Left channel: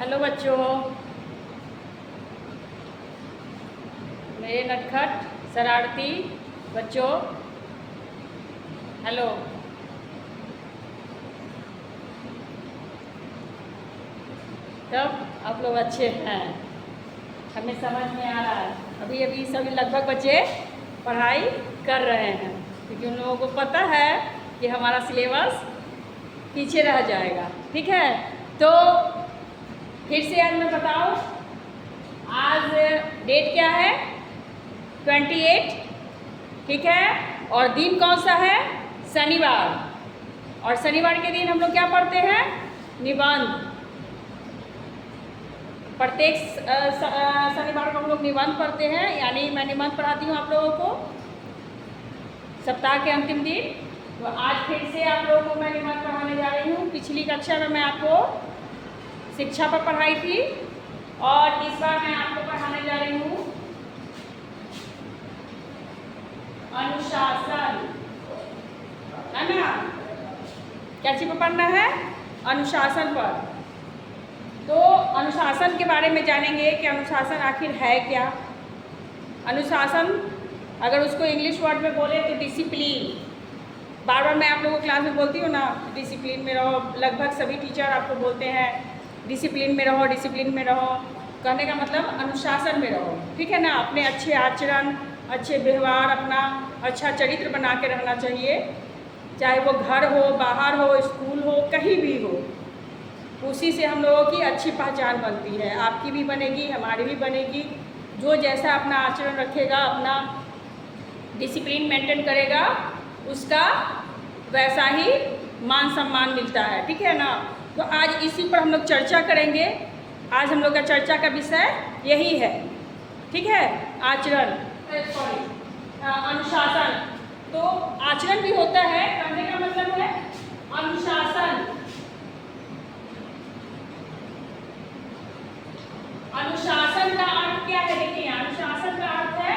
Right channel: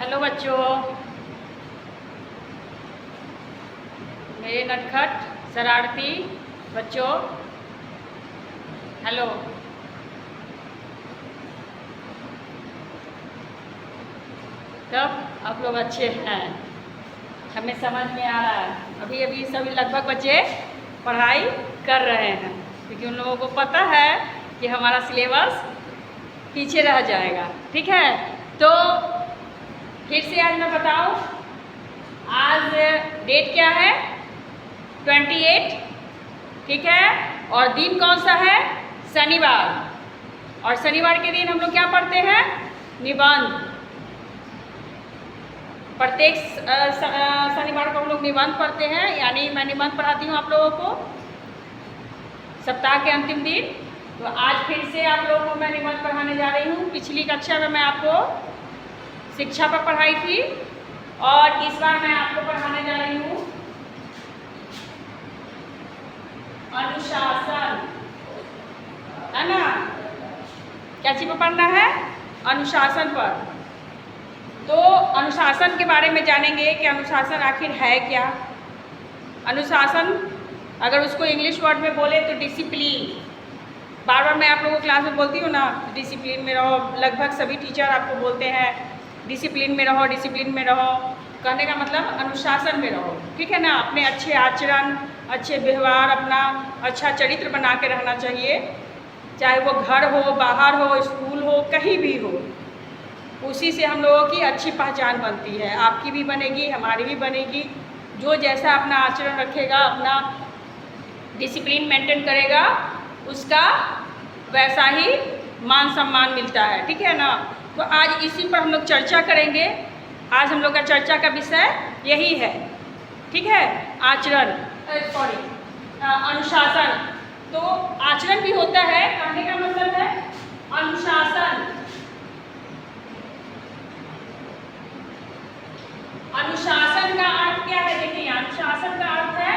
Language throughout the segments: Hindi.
हेलो बच्चों, मेरे नटखट शरारती बच्चों, हेलो। कब आप लोग अच्छे हैं? हमें समझ में आ रहा है। अभी अभी सभी लगभग बच्चे पढ़ाई कर रहे हैं क्योंकि उन लोगों को पता है कि हमारा सिलेबस पीछे रह जाएगा। ठीक है, तो फिर से आज मैं बताऊं, आज डेट क्या है? 28। ठीक है, और दिन कौन सा है? शनिवार। और शनिवार के दिन हम लोग क्या पढ़ते हैं? निबंध। प्रत्येक शनिवार को हम लोग निबंध पढ़ते हैं, यानी मैं निबंध पढ़ाती हूँ आप लोगों को सप्ताह के अंतिम दिन। तो आज फिर से आप लोगों को मैं निबंध पढ़ाने जा रही हूँ। पिछली कक्षा में मैं आपको शिक्षा पर पढ़ाई थी और इस बार मैं आपको पढ़ाने जा रही हूँ अनुशासन, है ना? क्या चीज़ पर पढ़ना है? अनुशासन पर। तो अनुशासन के बारे में जानेंगे कि अनुशासन आखिर है क्या। अनुशासन अगर उसको इंग्लिश वर्ड में बोले तो डिसिप्लिन। बार बार मैं आप लोगों को क्लास में बोलती हूँ ना, डिसिप्लिन में रहो। लगभग सभी टीचर आपको बोलते हैं डिसिप्लिन में रहो, डिसिप्लिन में रहो। कहने का मतलब अनुशासन में रहो, ठीक है ना? अपने अच्छे आचरण, अच्छे व्यवहार, अपना अच्छा चरित्र बना के रहना चाहिए, चाहे वो घर हो, बाहर हो, स्कूल हो, कहीं भी हो। उसी से हम लोगों की अच्छी पहचान बनती है। आपकी भी बनेगी, हमारी भी बनेगी। जो जैसा अपना आचरण रखेगा, अपना डिसिप्लिन मेंटेन करेगा, उसका वैसा ही मान सम्मान मिलता है। ठीक है ना? तो आज इसी पर हम लोग चर्चा करेंगे। आज हम लोग का चर्चा का विषय यही है, ठीक है? आचरण, सॉरी, अनुशासन। तो आचरण भी होता है, कहने का मतलब है अनुशासन। अनुशासन का अर्थ क्या है? देखिए, अनुशासन का अर्थ है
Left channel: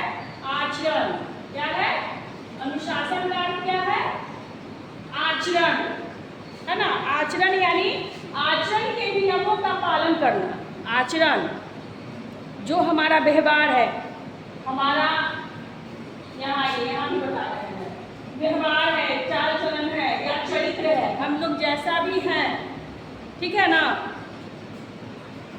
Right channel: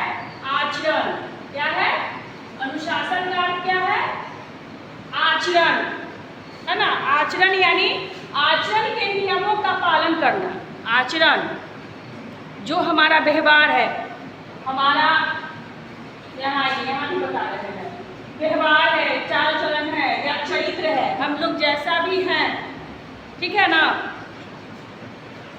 आचरण। क्या है? अनुशासन का अर्थ क्या है? आचरण, है ना? आचरण यानी आचरण के नियमों का पालन करना। आचरण जो हमारा व्यवहार है, हमारा यहाँ भी बता रहे हैं, व्यवहार है, चाल चलन है या चरित्र है, हम लोग जैसा भी हैं, ठीक है ना,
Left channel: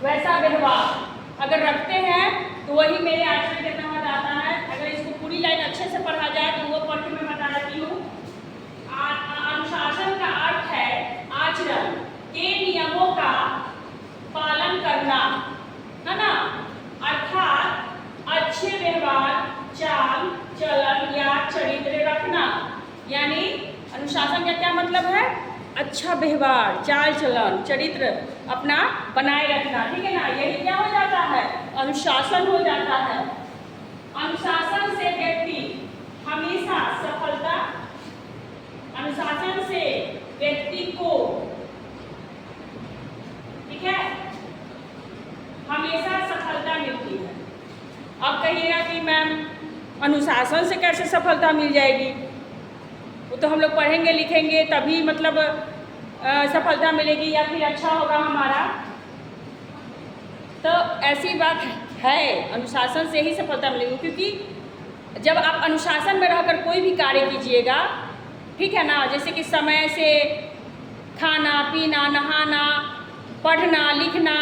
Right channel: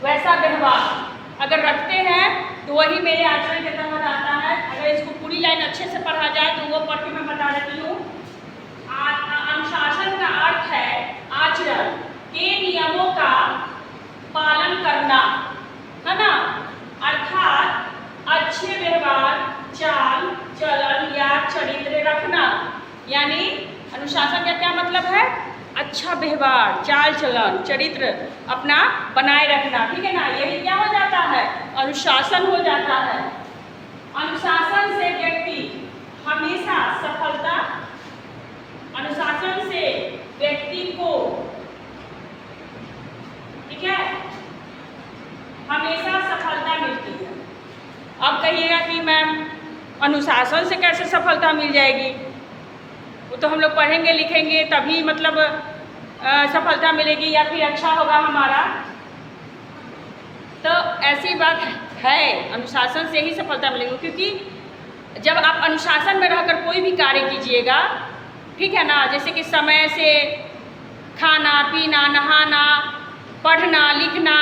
वैसा व्यवहार अगर रखते हैं तो वही मेरे आचरण के तहत आता है। अगर इसको पूरी लाइन अच्छे से पढ़ा जाए तो वो पढ़ के मैं बता देती हूँ। अनुशासन का अर्थ है आचरण के नियमों का पालन करना, है ना? अर्थात अच्छे व्यवहार, चाल चलन या चरित्र रखना। यानी अनुशासन का क्या मतलब है? अच्छा व्यवहार, चाल चलन, चरित्र अपना बनाए रखना, ठीक है ना? यही क्या हो जाता है? अनुशासन हो जाता है। अनुशासन से व्यक्ति हमेशा सफलता, अनुशासन से व्यक्ति को, ठीक है, हमेशा सफलता मिलती है। अब कहिएगा कि मैम अनुशासन से कैसे सफलता मिल जाएगी? वो तो हम लोग पढ़ेंगे लिखेंगे तभी मतलब सफलता मिलेगी या फिर अच्छा होगा हमारा। तो ऐसी बात है, अनुशासन से ही सफलता मिलेगी। क्योंकि जब आप अनुशासन में रहकर कोई भी कार्य कीजिएगा, ठीक है ना, जैसे कि समय से खाना पीना, नहाना, पढ़ना लिखना,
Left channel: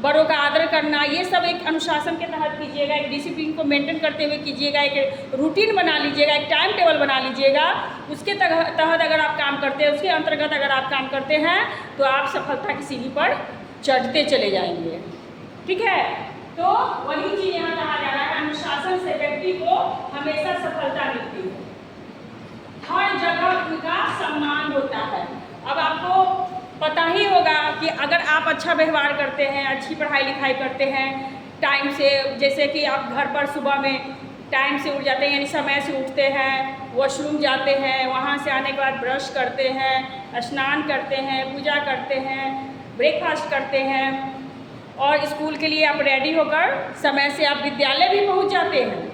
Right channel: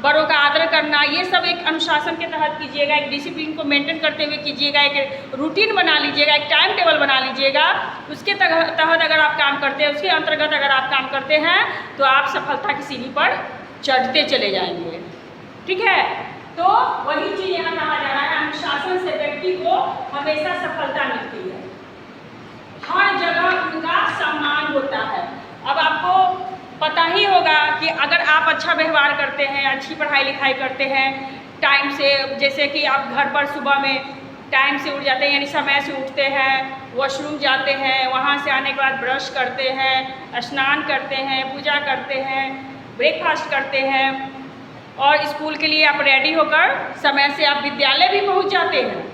बड़ों का आदर करना, ये सब एक अनुशासन के तहत कीजिएगा। एक डिसिप्लिन को मेंटेन करते हुए कीजिएगा, एक रूटीन बना लीजिएगा, एक टाइम टेबल बना लीजिएगा। उसके तहत अगर आप काम करते हैं, उसके अंतर्गत अगर आप काम करते हैं तो आप सफलता की सीढ़ी पर चढ़ते चले जाएंगे, ठीक है? तो वही चीज़ यहाँ कहा जा रहा है, अनुशासन से व्यक्ति को हमेशा सफलता मिलती है, हर जगह उनका सम्मान होता है। अब आपको पता ही होगा कि अगर आप अच्छा व्यवहार करते हैं, अच्छी पढ़ाई लिखाई करते हैं, टाइम से, जैसे कि आप घर पर सुबह में टाइम से उठ जाते हैं, यानी समय से उठते हैं, वॉशरूम जाते हैं, वहाँ से आने के बाद ब्रश करते हैं, स्नान करते हैं, पूजा करते हैं, ब्रेकफास्ट करते हैं और स्कूल के लिए आप रेडी होकर समय से आप विद्यालय भी पहुँच जाते हैं।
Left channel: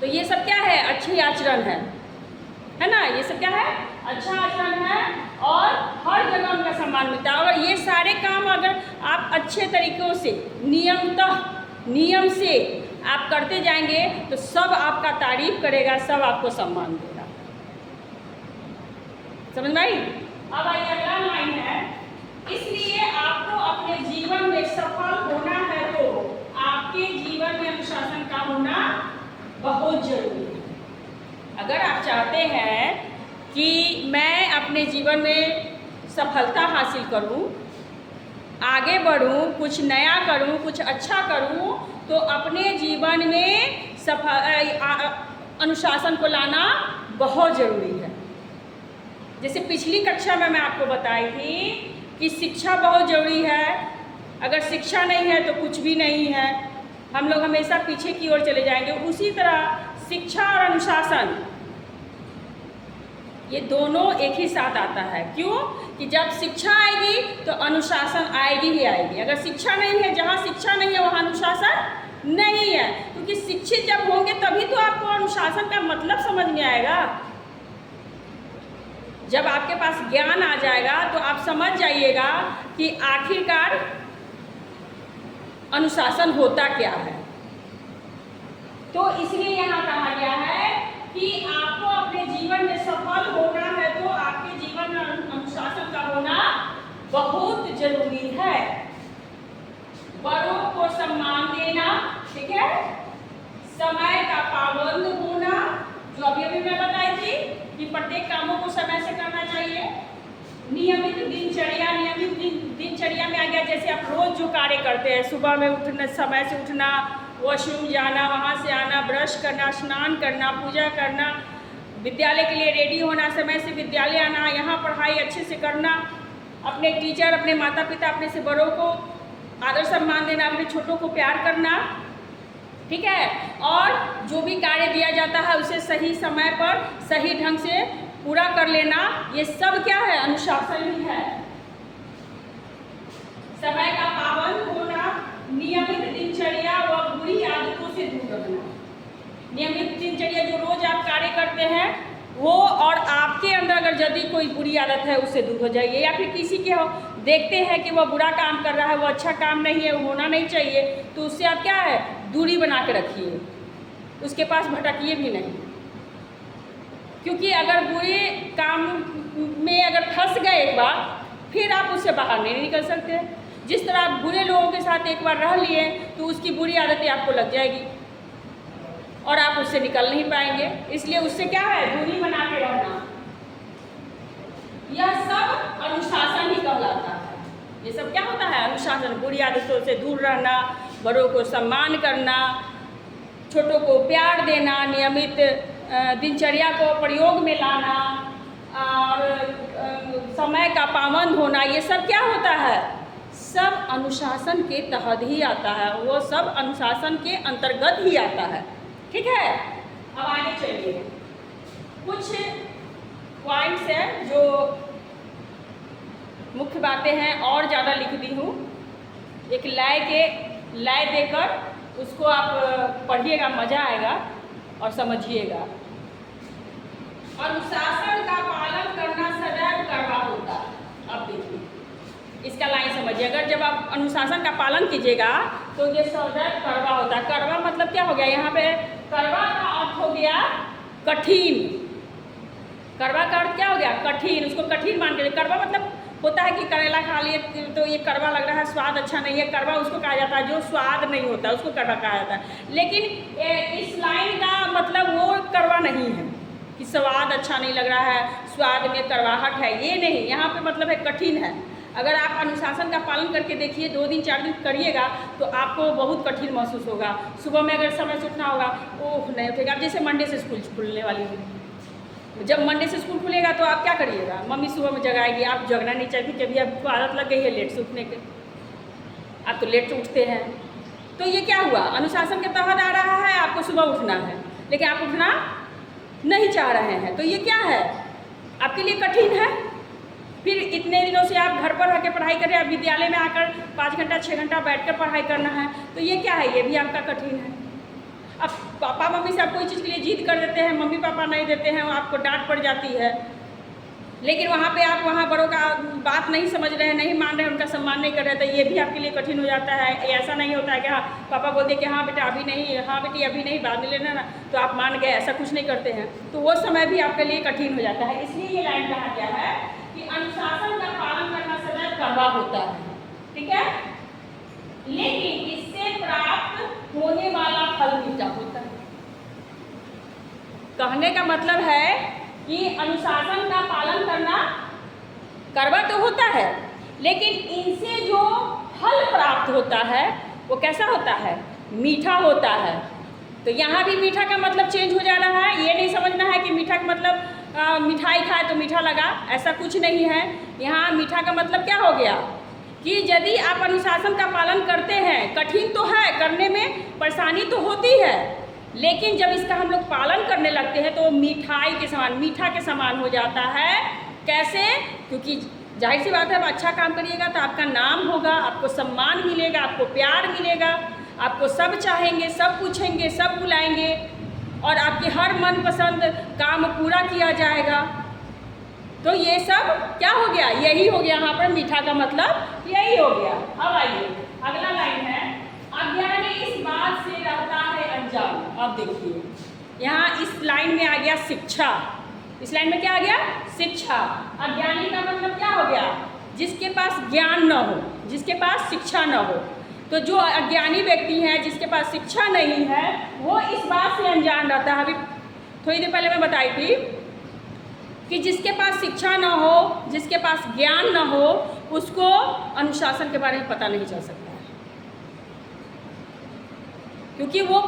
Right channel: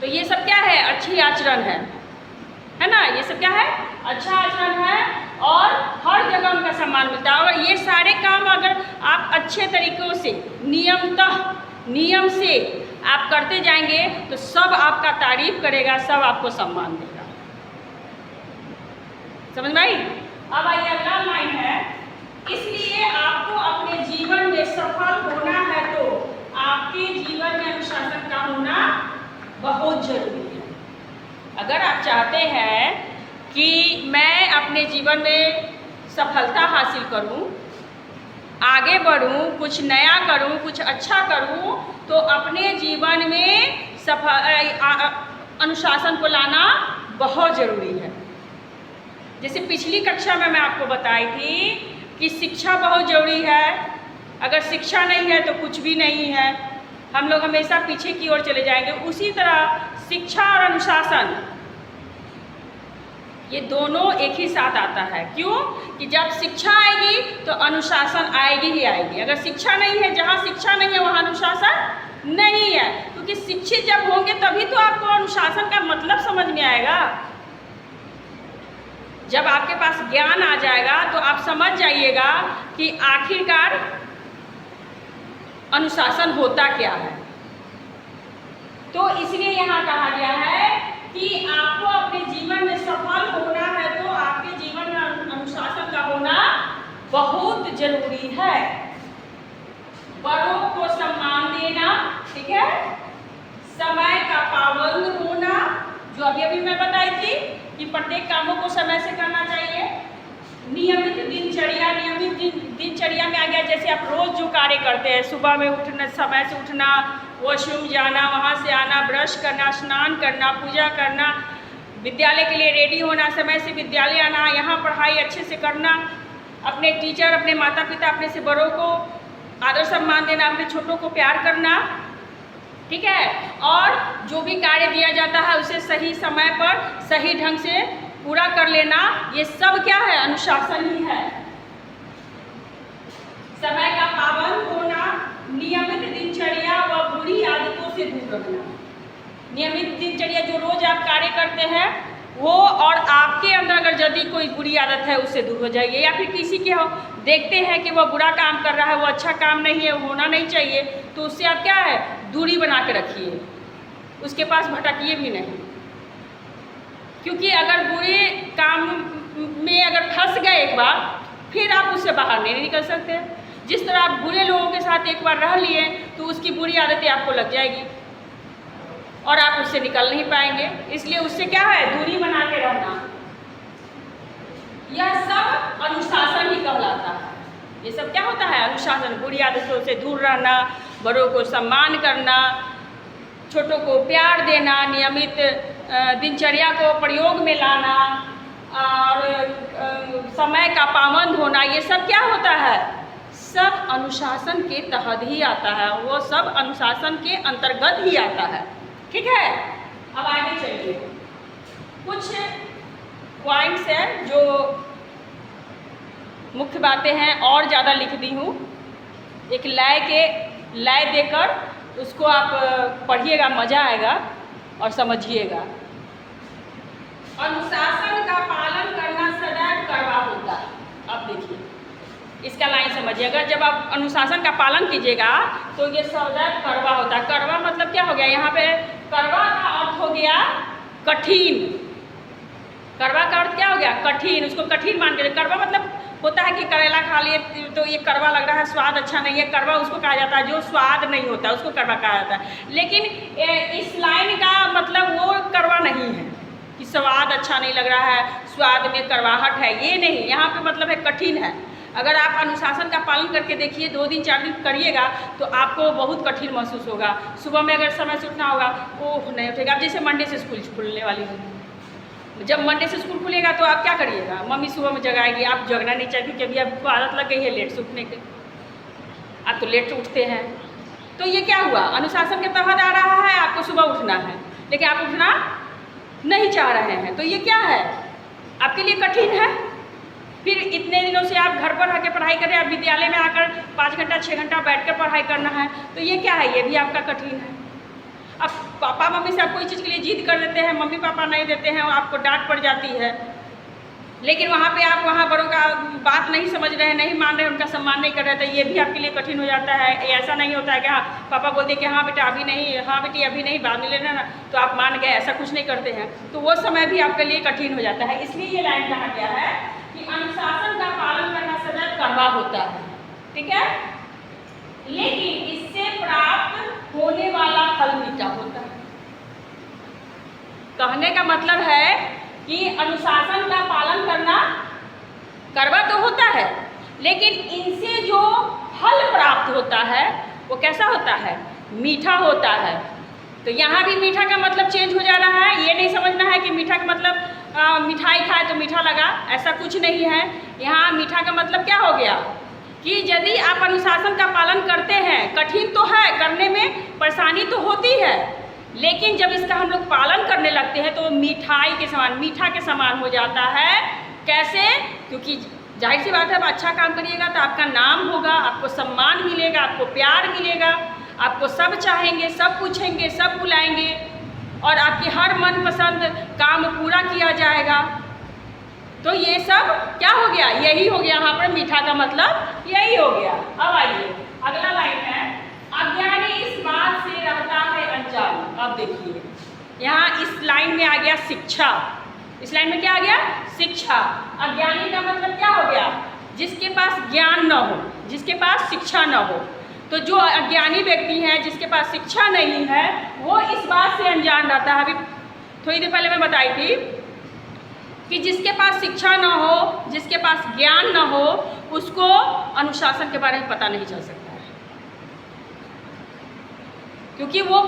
तो ये सब क्या है? अच्छी आचरण है। है ना। ये सब क्या है, अच्छा आचरण है और हर जगह उनका सम्मान मिलता है। और ये सारे काम अगर आप अच्छे तरीक़ों से नियम से आप करते जाएंगे तो सब आपका तारीफ करेगा, सब आपको सम्मान देगा। समझ में आई। अब आइए अगला लाइन है, इसलिए आपको अपने जीवन में सफल होना है तो आपके जीवन में अनुशासन का होना बहुत जरूरी है। अगर आप चाहते हैं कि मैं अपने जीवन में सफलता हासिल करूं, आगे बढ़ूं, कुछ नया करूं, कुछ अच्छा करूं, तो अपने जीवन में अनुशासन को लाना बहुत ज़रूरी है। जैसे पिछली कक्षा में मैं आपको बताई थी कि शिक्षा बहुत ज़रूरी है। अगर शिक्षा नहीं है तो कुछ भी नहीं है, हम लोग हमेशा पीछे की ओर चले जाएंगे। उसी तरह शिक्षा और अनुशासन ये दोनों एक ही साथ आता है। क्यों कि जब शिक्षा आएगी तो अनुशासन आएगी ही आएगी। अगर शिक्षा नहीं है, जहाँ शिक्षा नहीं है वहाँ अनुशासन नहीं है। क्योंकि शिक्षित जब होंगे तभी तो आपको अनुशासन का मतलब समझ में आएगा। जब आपके पास ज्ञान आ जाएगा तो आप समझ जाइएगा कि आखिरकार अनुशासन होता क्या है। तो इसलिए यहाँ कहा गया है कि आपको अपने जीवन में सफल होना है तो आपके जीवन में अनुशासन का होना बहुत जरूरी है। बड़ों को सम्मान देना, ठीक है, समय का पाबंद होना, जो अभी मैं बताई थी कि प्रत्येक कामों को समय से करना चाहिए। नियमित दिनचर्या, नियमित दिनचर्या में आ गया जैसे आप रोज़ जो कार्य करते हैं, सुबह में उठना, समय से उठना, वॉशरूम जाना, वहाँ से आना, ब्रश करना, स्नान करना, पूजा करना, विद्यालय के लिए रेडी होना, समय से विद्यालय आना, यहाँ पढ़ाई अच्छे से करना, अपने टीचर, अपने माता पिता, अपने से बड़ों को आदर सम्मान देना, अपने छोटों को प्यार करना, ठीक है। और जो भी कार्य दिया जाता है उसे सही समय पर सही ढंग से पूरा कर लेना, ये सब क्या है, अनुशासन ही है। समय का पाबंद होना, नियमित दिनचर्या व बुरी आदतों से दूर रहना। नियमित दिनचर्या जो रोज आप कार्य करते हैं वो, और आपके अंदर अगर यदि कोई बुरी आदत है उससे दूर हो जाइए। या फिर किसी के हो देखते हैं कि वह बुरा काम कर रहा है, वो अच्छा काम नहीं है, होना नहीं चाहिए, तो उससे आप क्या है, दूरी बना के रखिए, उसके पास भटकिए भी नहीं। क्योंकि अगर बुरे काम में अगर फंस गए एक बार, फिर आप उससे बाहर नहीं निकल सकते। जिस तरह आप बुरे लोगों के साथ एक बार रह लिए तो उसकी बुरी आदतें आपको लग जाएगी और आप उससे निकल नहीं पाएंगे। इसलिए उससे क्या है, दूरी बना के रहना। यह सब अनुशासन ही कहलाता है। ये सब क्या होता है, अनुशासन। बुरी आदतों से दूर रहना, बड़ों को सम्मान करना, छोटों को प्यार देना, नियमित दिनचर्या को प्रयोग में लाना और समय का पाबंद होना, ये सब क्या होता है, सब अनुशासन के तहत ही आता है। वो सब अनुशासन के अंतर्गत ही आता है, ठीक है। अब आगे चलिए, कुछ पॉइंट्स हैं जो मुख्य बातें हैं, और ज़्यादा लिख दी हूँ। एक लय देकर उसको आप पढ़िएगा, मज़ा आएगा और समझिएगा। अनुशासन का पालन करना सदैव कड़वा होता है। अब देखिए इसका लाइन समझिए। अगर जब आप अनुशासन का पालन कीजिएगा तो ये सदैव कड़वा होता है। कड़वा मतलब क्या हो गया, यहाँ पे कड़वा का अर्थ हो गया कठिन। कड़वा का अर्थ क्या हो गया, कठिन। उसको कठिन मान के, कड़वा मतलब होता है कि करेला खा लिए तो ये कड़वा लग रहा है, स्वाद अच्छा नहीं है, कड़वा उसको कहा जाता है। जो स्वाद नहीं होता उसको कड़वा कहा जाता है। लेकिन इस लाइन का मतलब वो कड़वा नहीं है कि स्वाद अच्छा नहीं लग रहा है, स्वाद में कड़वाहट है, ये नहीं। यहाँ पे मतलब है कठिन है। अगर आप अनुशासन का पालन करके देखिए, 2 दिन 4 दिन करिएगा तो आपको बहुत कठिन महसूस होगा। सुबह में अगर समय से उठना होगा, ओह नहीं उठेगा। अब जैसे मंडे से स्कूल खुलने वाली है, जब मंडे से स्कूल खुलेगा तो आप क्या करिएगा, मम्मी सुबह में जगाएगी, आप जगना नहीं चाहिए क्योंकि अभी आपको आदत लग गई है लेट से उठने के, आप तो लेट से उठते हैं। तो ये क्या हुआ, अनुशासन के तहत आ रहा है, आपको सुबह उठना है लेकिन आप उठना नहीं चाह रहे हैं, तो ये क्या है, आपके लिए कठिन है। फिर इतने दिनों से आप घर पर रह के पढ़ाई कर रहे हैं, आप विद्यालय में आकर 5 घंटा 6 घंटा बैठ कर पढ़ाई करना है, तो ये क्या है, ये भी आपका कठिन है। अब पापा मम्मी से आप कोई चीज़ के लिए जिद कर देते हैं, मम्मी पापा नहीं देते हैं, आपको डांट पड़ जाती है, लेकिन वहाँ पे आप वहाँ बड़ों का बात नहीं समझ रहे हैं, नहीं मान रहे हैं, उनका सम्मान नहीं कर रहे, तो ये भी आपके लिए कठिन हो जाता है। ऐसा नहीं होता है कि हाँ पापा बोलते कि हाँ बेटा अभी नहीं, हाँ बेटी अभी नहीं, बाद में लेना ना, तो आप मान गए, ऐसा कुछ नहीं करते हैं, तो वो समय भी आपके लिए कठिन हो जाता है। इसलिए ये लाइन कहा गया है कि अनुशासन का पालन करना सदैव कड़वा होता है, ठीक है, लेकिन इससे प्राप्त होने वाला फल मीठा होता है। कहने का मतलब है कि अनुशासन का पालन करना कड़वा तो होता है, लेकिन इनसे जो फल प्राप्त होता है वो कैसा होता है, मीठा होता है। तो यहाँ भी मीठा का मतलब चेंज हो जा रहा है। ये नहीं समझना है कि मीठा का मतलब मिठाई खाए तो मीठा लगा, ऐसा कुछ नहीं है। यहाँ मीठा का मतलब क्या हो गया कि यदि आप अनुशासन का पालन करते हैं, कठिन तो है करने में, परेशानी तो होती है, लेकिन जब इसका हम लोग पालन करने लगते हैं तो मिठाई के समान, मीठा के समान हो जाता है। कैसे? क्योंकि जाहिर सी बात है, आप अच्छा काम करिएगा तो आपका नाम होगा, आपको सम्मान मिलेगा, आपको प्यार मिलेगा, आपको सब चाहेंगे, सब पूछेंगे, सब बुलाएंगे और आपके हर मनपसंद काम पूरा किया जाएगा। तो ये सब क्या हो गया, यही हो गया यहाँ पर मीठा का मतलब यही हो गया। अब आइए अगला लाइन है, अज्ञानी इस बात से रहता है अनजान। अब देखिए यहाँ इस लाइन में आ गया शिक्षा, इस लाइन में क्या आ गया, शिक्षा। अज्ञानी का मतलब क्या हो गया, जिसके पास ज्ञान न हो, जिसके पास शिक्षा न हो। तो जो अज्ञानी व्यक्ति है, जिसके पास शिक्षा नहीं है, वो इस बात से अनजान रहता है। अभी थोड़ी देर पहले मैं बताई थी कि जिसके पास शिक्षा न हो, जिसके पास ज्ञान न हो, उसको अनुशासन के बारे में पता नहीं चल सकता है, क्योंकि वो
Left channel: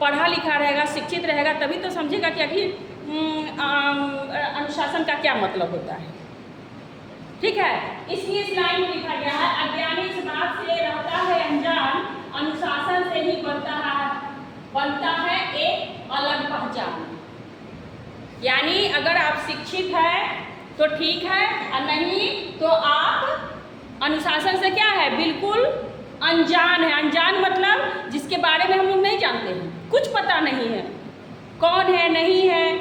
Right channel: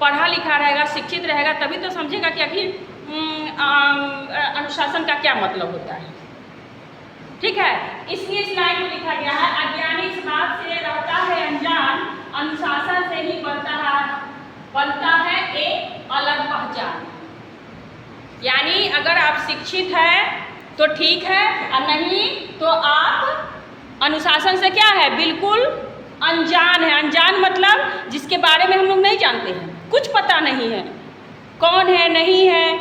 पढ़ा लिखा रहेगा, शिक्षित रहेगा, तभी तो समझेगा कि आखिर अनुशासन का क्या मतलब होता है। ठीक है, इसलिए इस लाइन में लिखा गया है, अज्ञानी इस बात से रहता है अनजान, अनुशासन से ही बनता है एक अलग पहचान। यानी अगर आप शिक्षित हैं तो ठीक है, और नहीं तो आप अनुशासन से क्या है, बिल्कुल अनजान है। अनजान मतलब जिसके बारे में हम लोग नहीं जानते हैं, कुछ पता नहीं है, कौन है, नहीं है,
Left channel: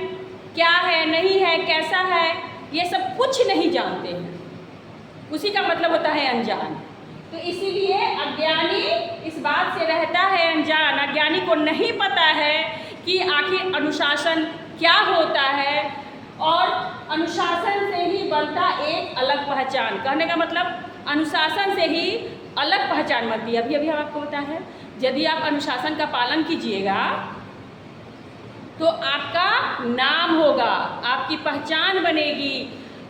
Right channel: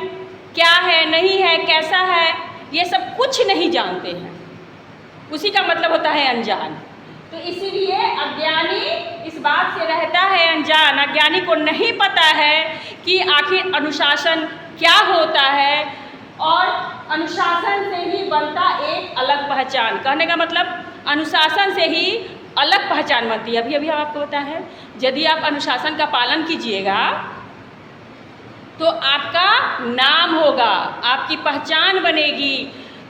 क्या है, नहीं है, कैसा है, ये सब कुछ नहीं जानते हैं, उसी का मतलब होता है अनजान। तो इसीलिए अज्ञानी इस बात से रहता है अनजान। अज्ञानी को नहीं पता है कि आखिर अनुशासन क्या होता है, और अनुशासन से ही बनता एक अलग पहचान। कहने का मतलब अनुशासन से ही अलग पहचान बनती है। अभी अभी आपको पता है, यदि आप अनुशासन का पालन कीजिएगा तो आपका नाम होगा, आपकी पहचान बनेगी।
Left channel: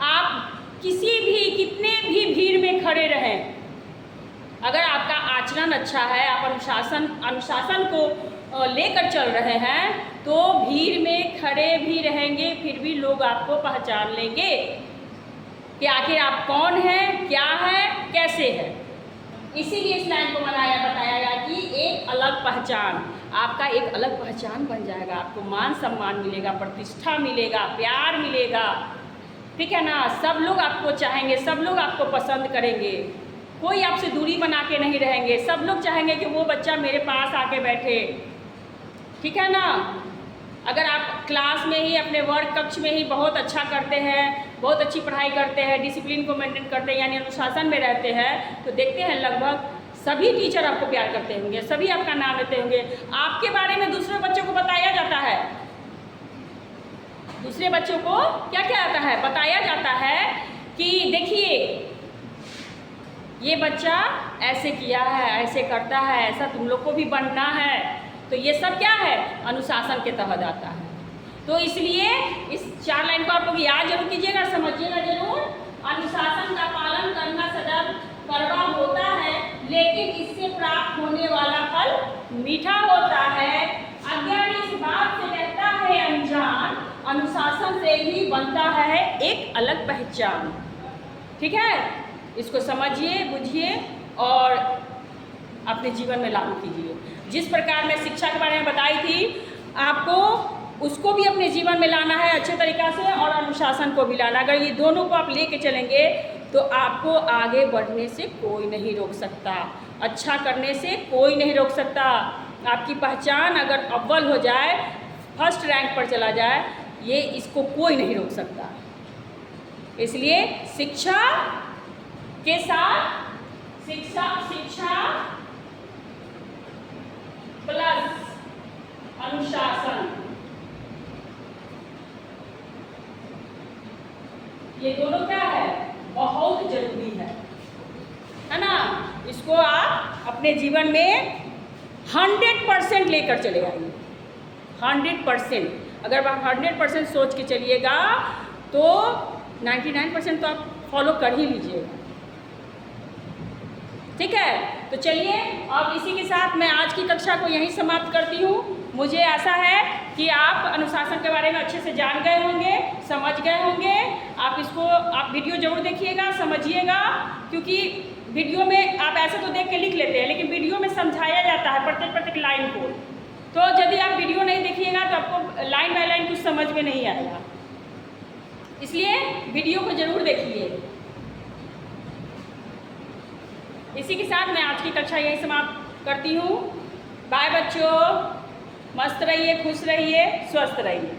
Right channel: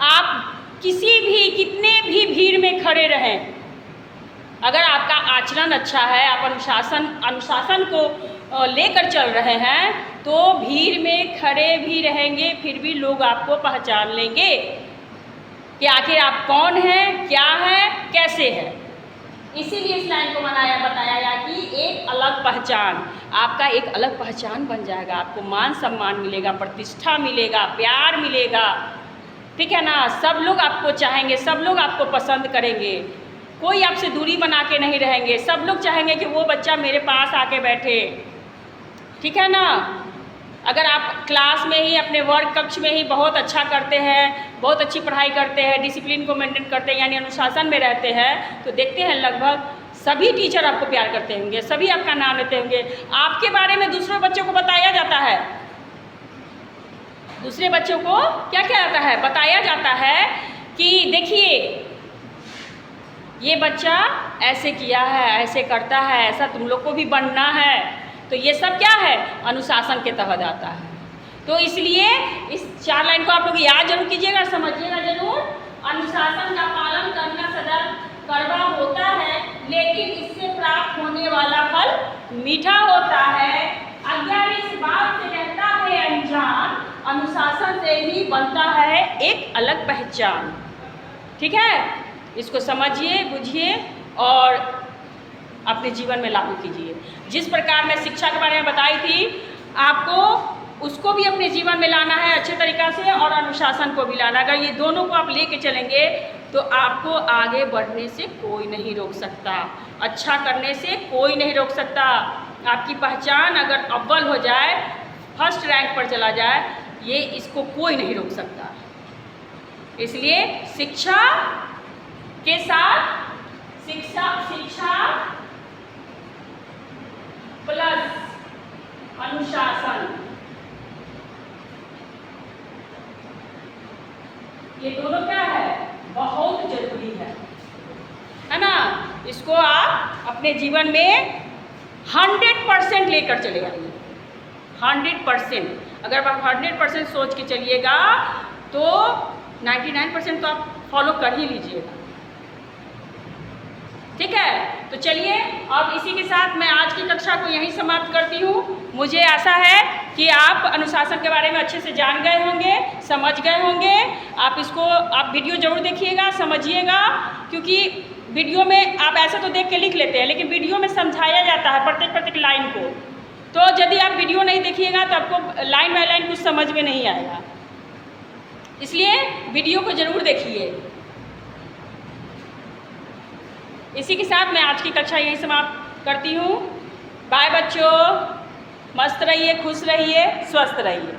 आप किसी भी, कितने भी भीड़ में खड़े रहें, अगर आपका आचरण अच्छा है, आप अनुशासन को लेकर चल रहे हैं, तो भीड़ में खड़े भी रहेंगे, फिर भी लोग आपको पहचान लेंगे कि आखिर आप कौन हैं, क्या है, कैसे है। इसीलिए इस लाइन को बताया गया कि एक अलग पहचान, आपका एक अलग पहचान बन जाएगा, आपको मान सम्मान मिलेगा, प्रतिष्ठा मिलेगा, प्यार मिलेगा, ठीक है ना। सब लोग आपको चाहेंगे, सब लोग आपको पसंद करेंगे, कोई आपसे दूरी बना के नहीं रहेंगे, सब लोग चाहेंगे कि वो बच्चा मेरे पास आके बैठे, ठीक है ना। अगर आप क्लास में ही, अपने वर्ग कक्ष में ही बहुत अच्छा करते हैं, बहुत अच्छी पढ़ाई करते हैं, डिसिप्लिन को मेंटेन करते हैं, यानी अनुशासन में रहते हैं, तो देखते हैं लगभग सभी टीचर आपको प्यार करते होंगे, सभी आपका नाम लेते होंगे, आपके बारे में दूसरे बच्चों को बताया जाता है, दूसरे बच्चों को क्या क्या आता है, बताया जाता है कि देखिए ये बच्चा ऐसे किया है, ऐसे करता है, ऐसा तुम लोग को भी बनना है। तो ये सब क्या है, अनुशासन के तहत आता है। तो इसलिए इस 4 लाइन को आप लोग याद जरूर कीजिएगा, समझिएगा जरूर। अनुशासन का पालन करना सदैव कड़वा होता है, लेकिन इससे प्राप्त होने वाला फल मीठा होता है। अज्ञानी इस बात से रहता है अनजान, अनुशासन से ही बनता है एक अलग पहचान। ठीक है, इसको समझिए, बुझिए और अपने जीवन में लागू कीजिए। जिस प्रकार मैं शिक्षा के बारे में बताई थी, आपको उसको भी अपने जीवन में लाना है अच्छे तरीक़ा से, और अनुशासन को भी लाना। अगर ये दोनों को आप लेके चलेंगे तो आपको आगे बढ़ने से कोई नहीं रोक सकता, अच्छा करने से कोई नहीं रोक सकता। आपकी पहचान अगर अव्वल हो जाए, फर्स्ट रैंक पर चला जाए, ये इसको कोई नहीं रोक सकता। इसलिए शिक्षा के साथ शिक्षा प्लस अनुशासन, ये दोनों क्या है, बहुत जरूरी है ना। इसको आप अपने जीवन में 100% लेकर चले आइए। 100%, अगर आप 100% सोच के चलिएगा तो 99% तो आप फॉलो कर ही लीजिएगा। ठीक है, तो चलिए अब इसी के साथ मैं आज की कक्षा को यहीं समाप्त करती हूँ। मुझे आशा है कि आप अनुशासन के बारे में अच्छे से जान गए होंगे, समझ गए होंगे। आप वीडियो जरूर देखिएगा, समझिएगा, क्योंकि वीडियो में आप ऐसे तो देख के लिख लेते हैं, लेकिन वीडियो में समझाया जाता है प्रत्येक लाइन को। तो यदि आप वीडियो नहीं देखिएगा तो आपको लाइन बाय लाइन कुछ समझ में नहीं आएगा, इसलिए वीडियो को जरूर देखिए। इसी के साथ मैं आज की कक्षा यहीं समाप्त करती हूँ। बाय बच्चों, मस्त रहिए, खुश रहिए, स्वस्थ रहिए।